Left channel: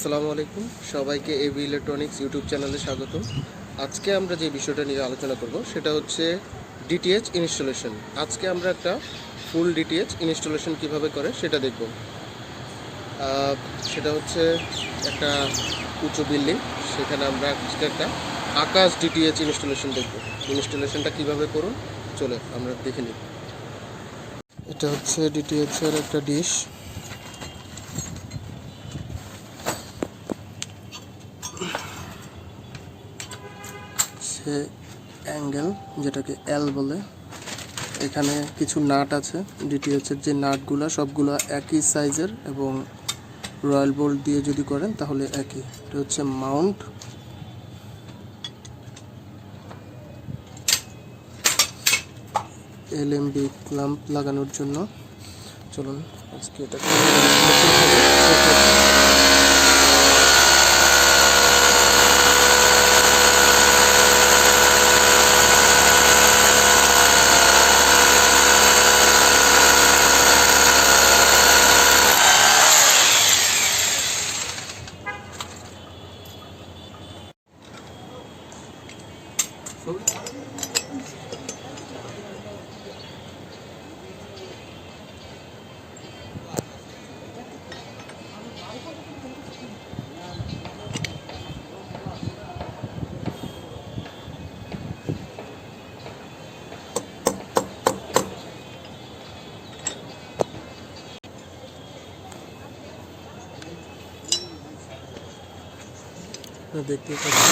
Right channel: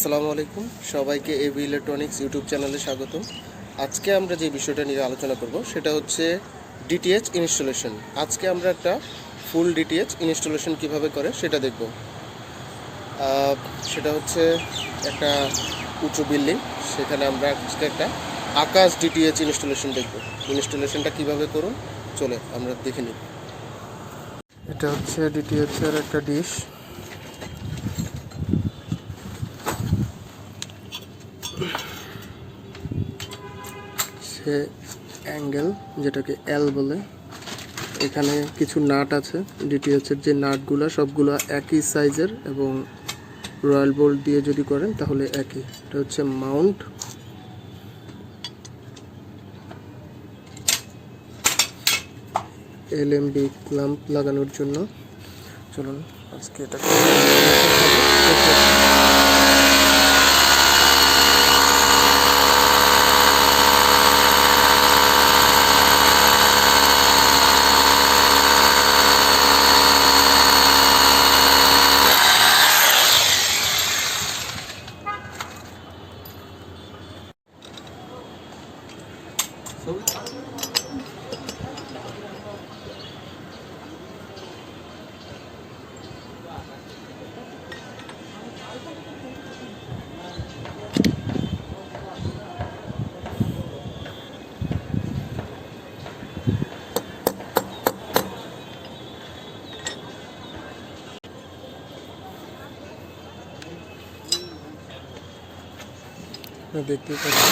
আসসালামু আলাইকুম সবাইকে এবি ইলেকট্রনিক্স ইউটিউব চ্যানেলে স্বাগতম। আজকে আমরা যে বিষয়টা নিয়ে আলোচনা করব সেটা হচ্ছে ডিটিএইচ ইনস্টলেশন। আজকে আমরা একটা ফুল ডিটিএইচ ইনস্টলেশন কিভাবে করে সেটা দেখব। সেটা হচ্ছে একটা উঁচু বিল্ডিং, সেখানে আমরা আজকে একটা আকাশ ডিটিএইচ ইনস্টলেশন দেখব। ইনস্টলেশনটা কিভাবে করুন চলে আমরা দেখে নিই। এটা হচ্ছে ডিটিএইচ এর একটা ডিশ। সে অ্যাঙ্গেল যেটাকে এল বলে, এখানে কিছু নাট আছে। ডিটিএইচের যে নাটগুলো সবগুলো একই সাইজের এবং রয়্যাল বোল্ট দিয়ে যদি করেন তাহলে একই। এটা হচ্ছে মাউন্ট। এলএমবি ক্ল্যাম্প লাগানোর জন্য। চলুন আজকে এটাকে দেখতে পাচ্ছি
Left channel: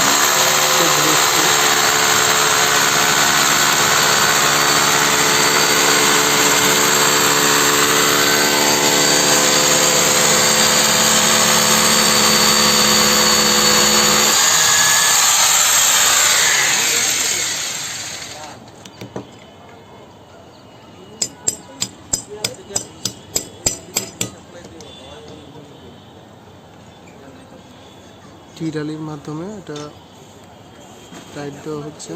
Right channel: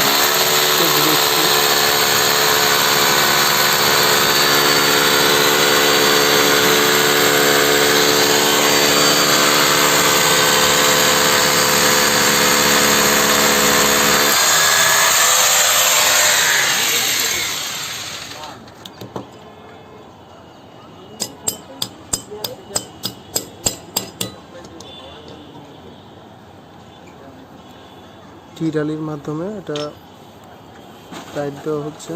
টিরালির মাধ্যমে এটা টাইট দেওয়া হচ্ছে।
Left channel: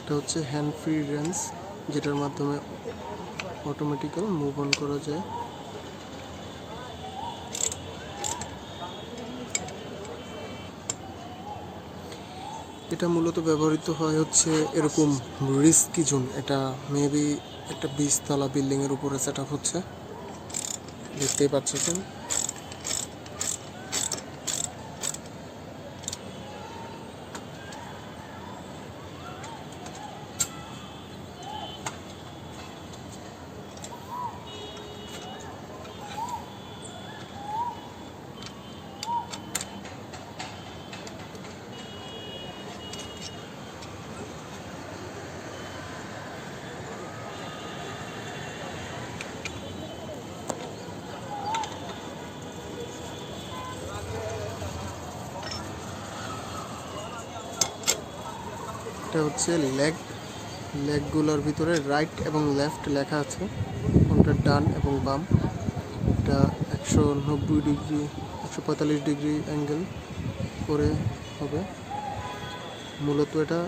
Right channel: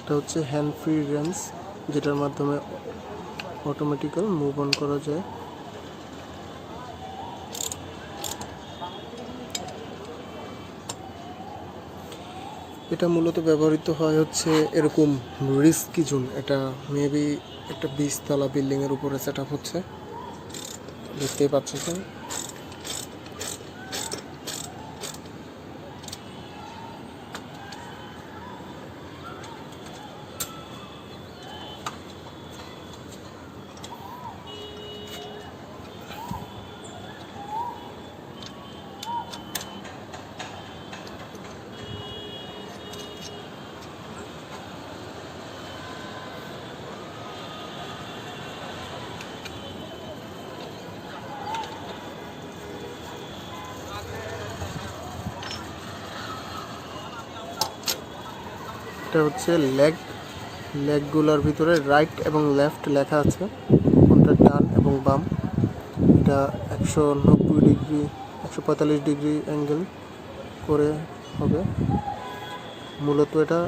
এটা হচ্ছে হ্যান্ড ফ্রি রেঞ্জ, যেটার মাধ্যমে অটোমেটিক্যাল মুভ অন করা যায়। এটা মূলত ব্যবহৃত হয় হচ্ছে এরকম রিস্কি জোন। এটা মেবি একটা 20 তলা বিল্ডিং এর উপরে সেট আপ হচ্ছে, দেখতেই পাচ্ছেন। এটা হচ্ছে লেগগুলোর ভিতরে রাইট এবং লেফট লেখা আছে, কোনটা ডান এবং বাম। এটা 190 ডিগ্রি 145 ডিগ্রি অ্যাঙ্গেল করে হবে। মূলত এটা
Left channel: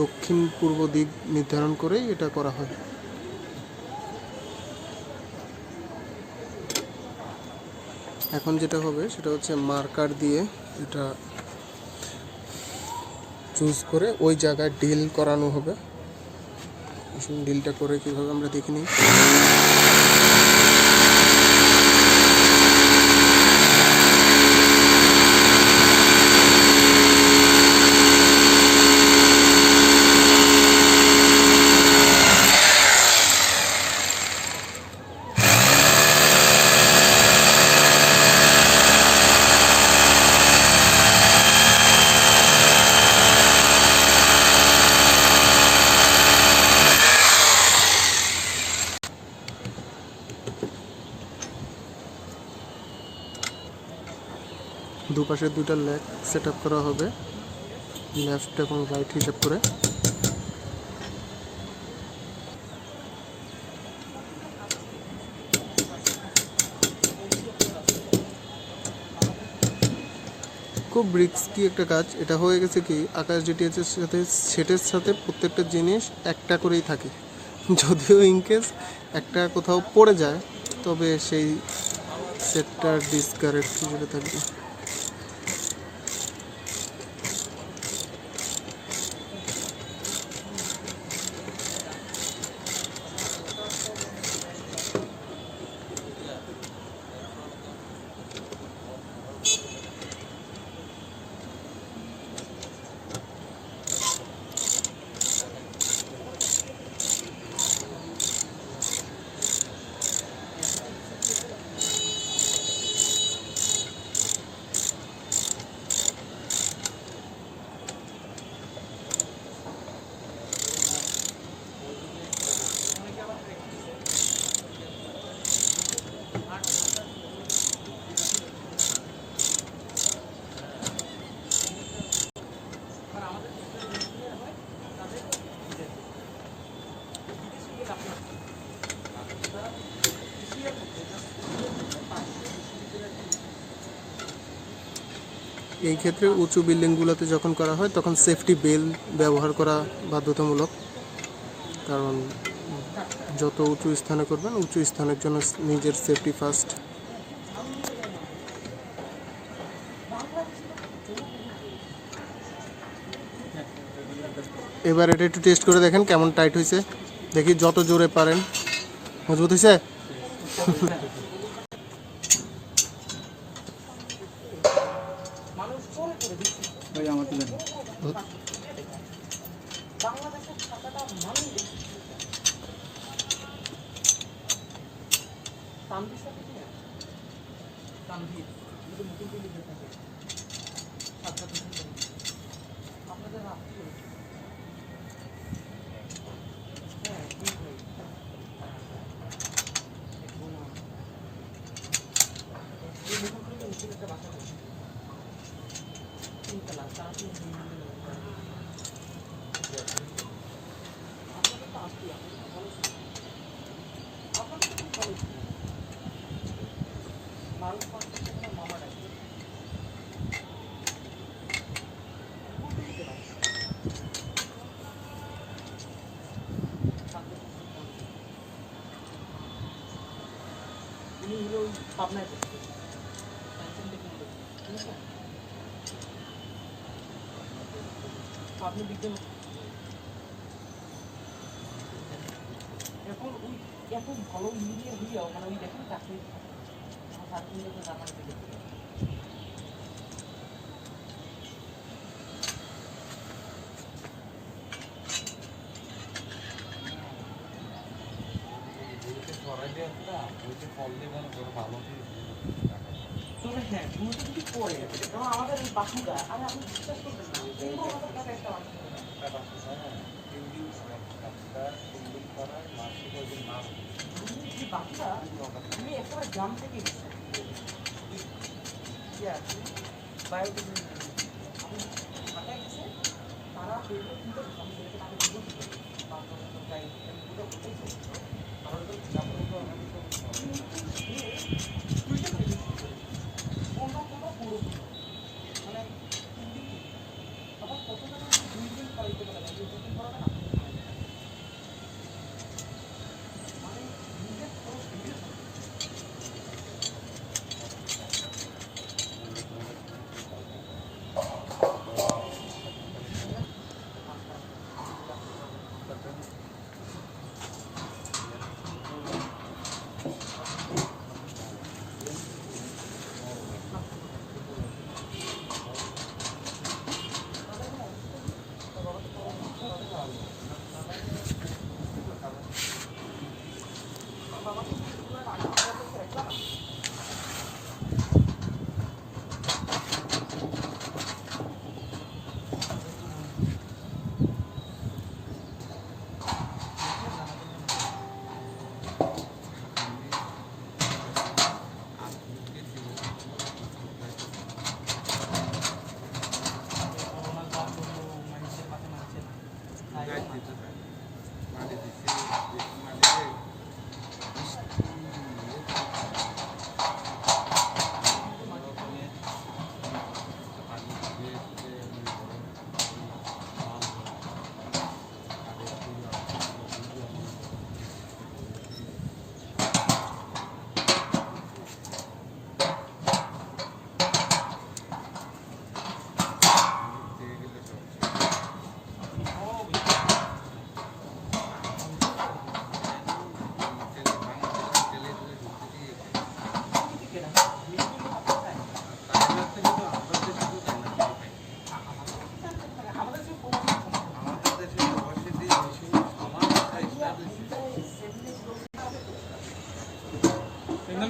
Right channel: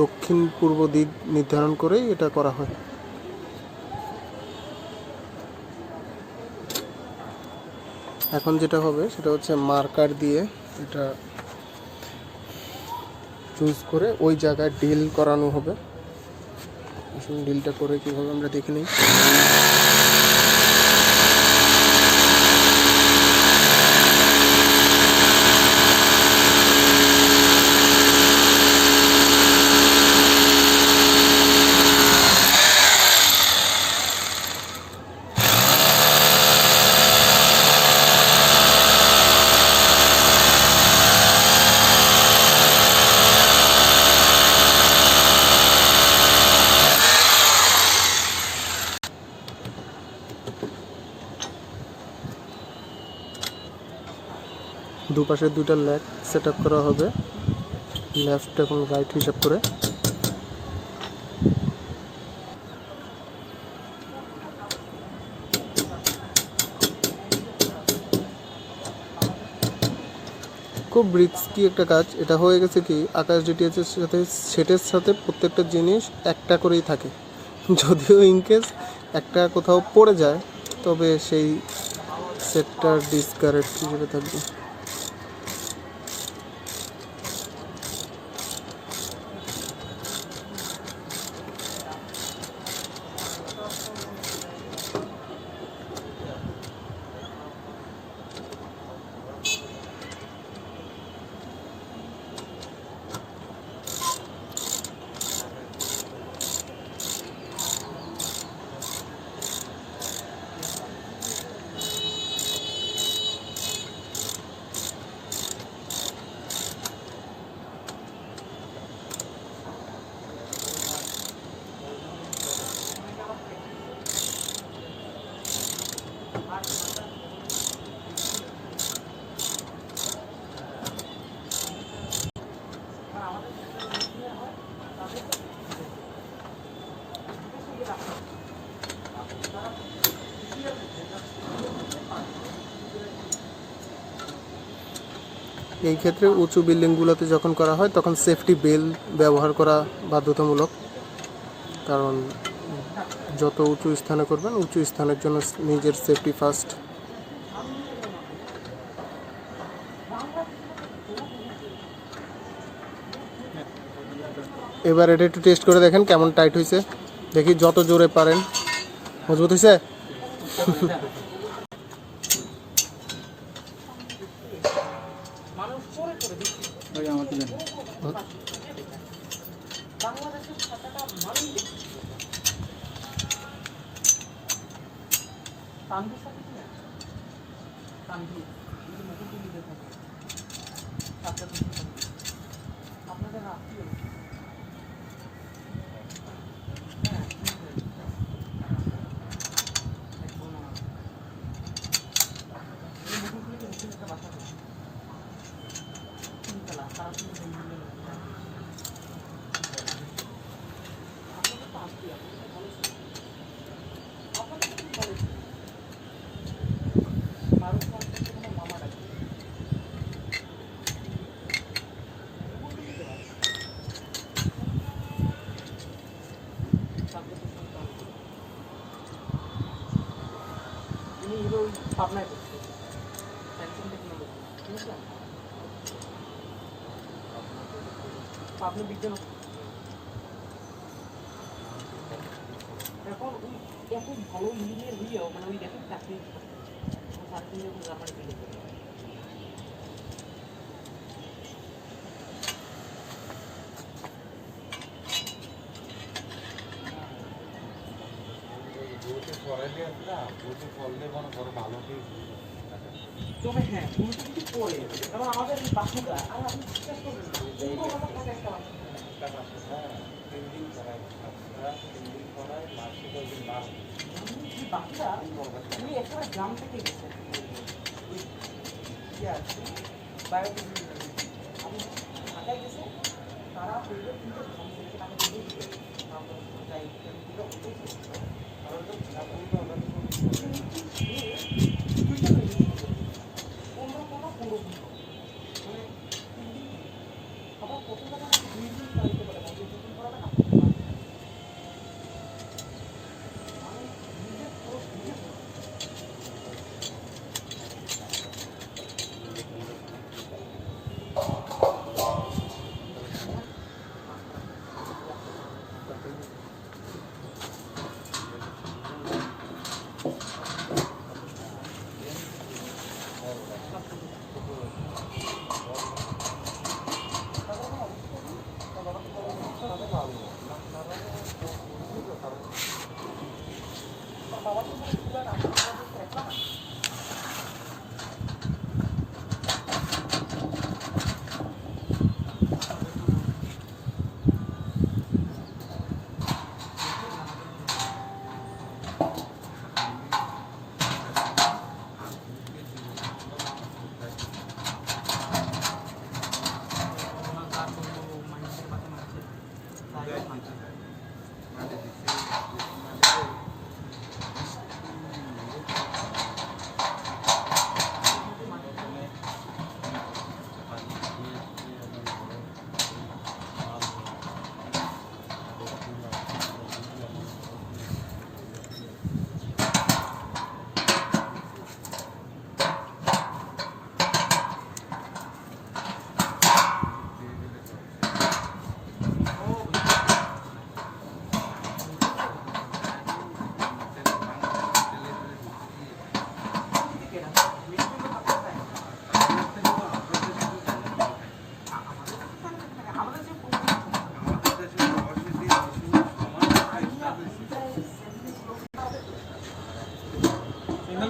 দক্ষিণ পূর্ব দিক নির্ধারণ করেই এটা করা হয়। এখন যেটা হবে সেটা হচ্ছে মার্কার দিয়ে এটা চুজ করে ওই জায়গায় ডিল করানো হবে। আসুন ডিলটা করে কিভাবে আমরা দেখে নিই। দুপাশে দুইটা লেগ সেট আপ করা হবে, লেফট এবং রাইট হিসাব করে। খুব রিস্কি একটা কাজ। এটা হয়ে গেছে কি, আকাশ ডিটিএইচ এর সাথে সেটের সাথে প্রত্যেকটা জিনিস একটা করেই থাকে। যদিও ইনকেস একটা কোথাও পড়ে যায় তবে সেই সেটটার ডিসকারেক্ট হিসেবে থাকবে। এই ক্ষেত্রে উঁচু বিল্ডিংগুলোতে যখন করা হয় তখন সেফটি বেল ব্যবহার করা বাধ্যতামূলক, কারণ যত উঁচু স্থানে করবেন উঁচু স্থানের জন্য নিজের সেফটি ফার্স্ট। এবার এটা একটু টেস্ট করে দেখেন কেমন টাইট হয়েছে, দেখি যত জোরে পারেন। মজবুত হয়েছে? পাবনায় পড়ছে স্যামসাং টেকনোলজি, ঠিক আছে? পাবনা বিজ্ঞান এখন ওই এত ভালো ইঞ্জিনিয়ার হইয়াও মানে ওই দেখেন চাকরি সার্টিফিকেট জার্মানি দিলে তবে হ্যাঁ পুরোটা যদি পড়ে কারণ আমাদের বাকিটা আর আপনি বিশ্বাস করবেন না বাকিটা তুমি একেবারে গ্রাম থেকে আমি ঢাকায় গেছে তারা পেলে কিন্তু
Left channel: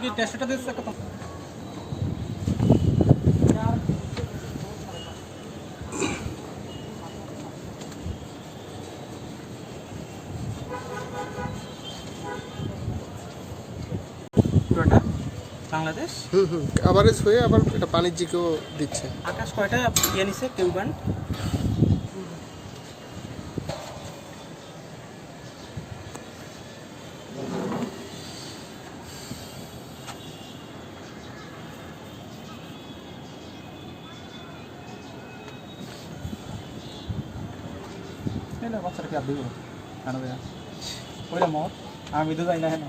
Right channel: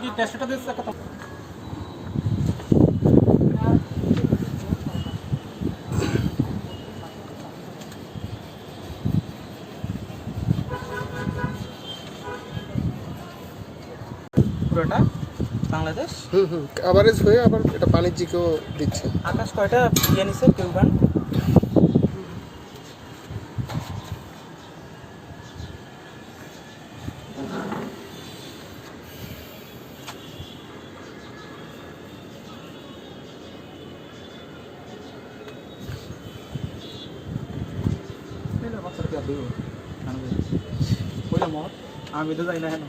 কি টেস্টটা দিস একটা পুরোটা বাংলাদেশ কভারেজ হয়ে আবার এটা বাণিজ্যিকও দিচ্ছে। আকাশ কয়টা ইয়ে নিছে টিউবান এলা বাচ্চাটা কি আদৌ কেন দেয়া ওইটা মত আমি তো যাই না হেন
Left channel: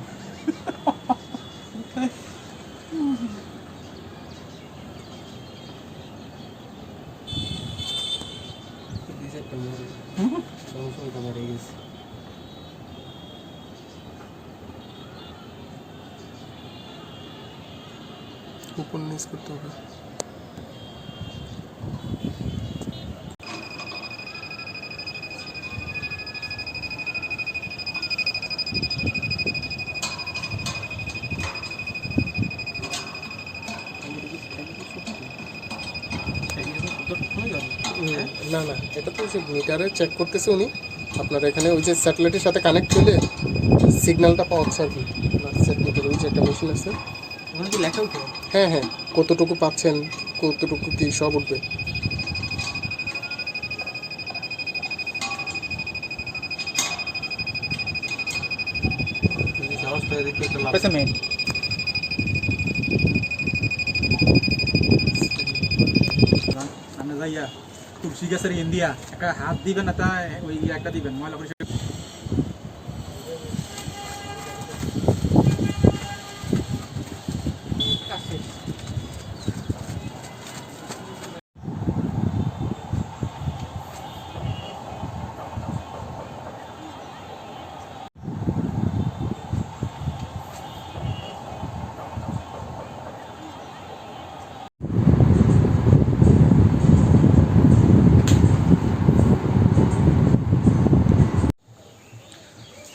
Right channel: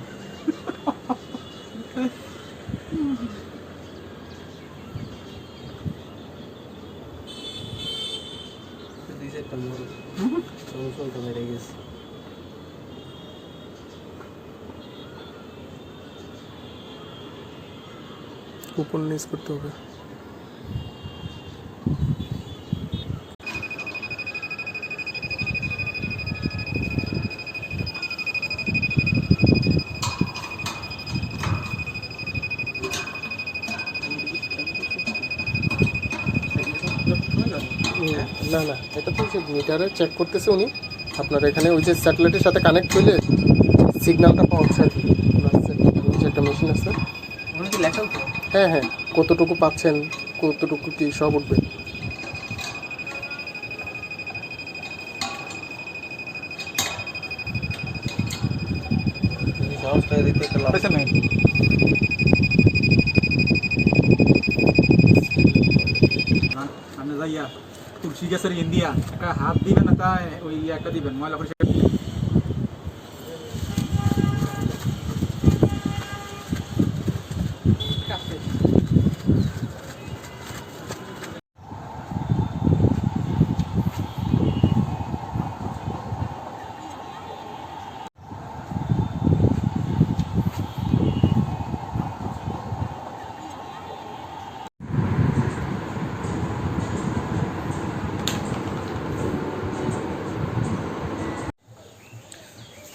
উপর নিচ করতে হবে। না না, এটা তো যে মিটারে চেক করতেছে উনি, আপনার এখানে ওই যে স্যাটেলাইটের সাথে কানেক্ট করলে সিগন্যালটা পাচ্ছে আর কি। স্যাটেলাইটের ওই যে একটা মেশিন আছে, ওখানে কি লেখা উঠবে? হ্যাঁ হ্যাঁ, কতটুকু পাচ্ছেন কতটুকু কি সব উঠবে। সাহস করে দেখতে একটা লাভ আছে মেন আমরা যাইয়া তুলসী গাছের ইন্ডিয়া একটা হাত দিবেন না তাই ওই একটা দিবেন ময়লা করে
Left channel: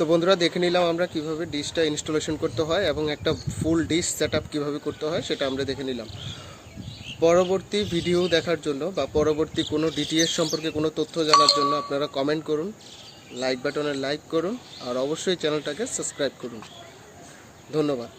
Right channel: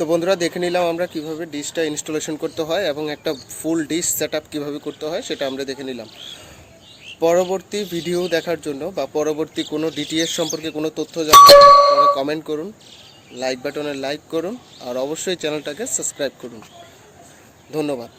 তো বন্ধুরা, দেখে নিলাম আমরা কিভাবে ডিশটা ইনস্টলেশন করতে হয় এবং একটা ফুল ডিশ সেটআপ কিভাবে করতে হয় সেটা আমরা দেখে নিলাম। পরবর্তী ভিডিও দেখার জন্য বা পরবর্তী কোনো ডিটিএইচ সম্পর্কে কোনো তথ্য জানার জন্য আপনারা কমেন্ট করুন, লাইক বাটনে লাইক করুন, আর অবশ্যই চ্যানেলটাকে সাবস্ক্রাইব করুন। ধন্যবাদ।